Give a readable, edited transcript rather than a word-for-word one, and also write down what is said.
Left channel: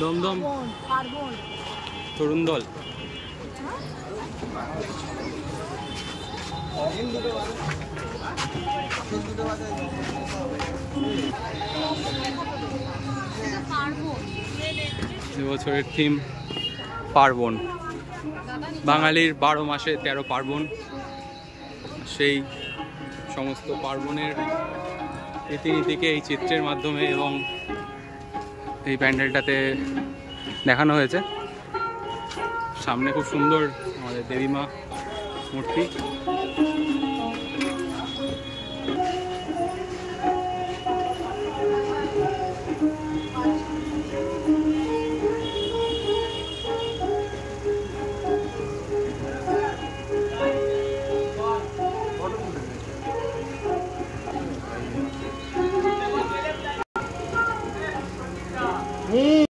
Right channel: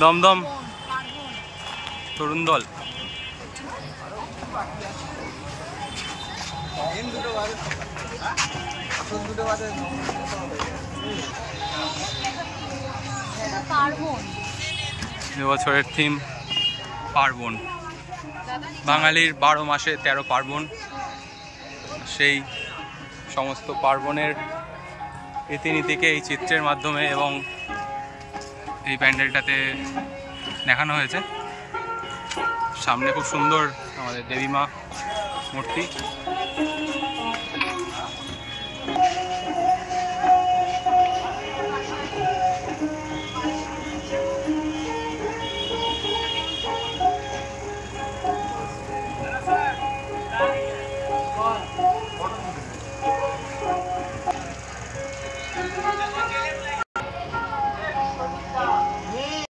দমদম তরুণ দল। এবছরের থিম পার্বণ। বাঙালির 12 মাসে 13 পার্বণ। সেই সমস্ত পার্বণের রীতিনীতিকে এই চিত্রের মাধ্যমে এবং এই প্যান্ডেলটাতে দেখানো হয়েছে। সামনে খুব সুন্দর আমাদের দেবী মা মূর্তি।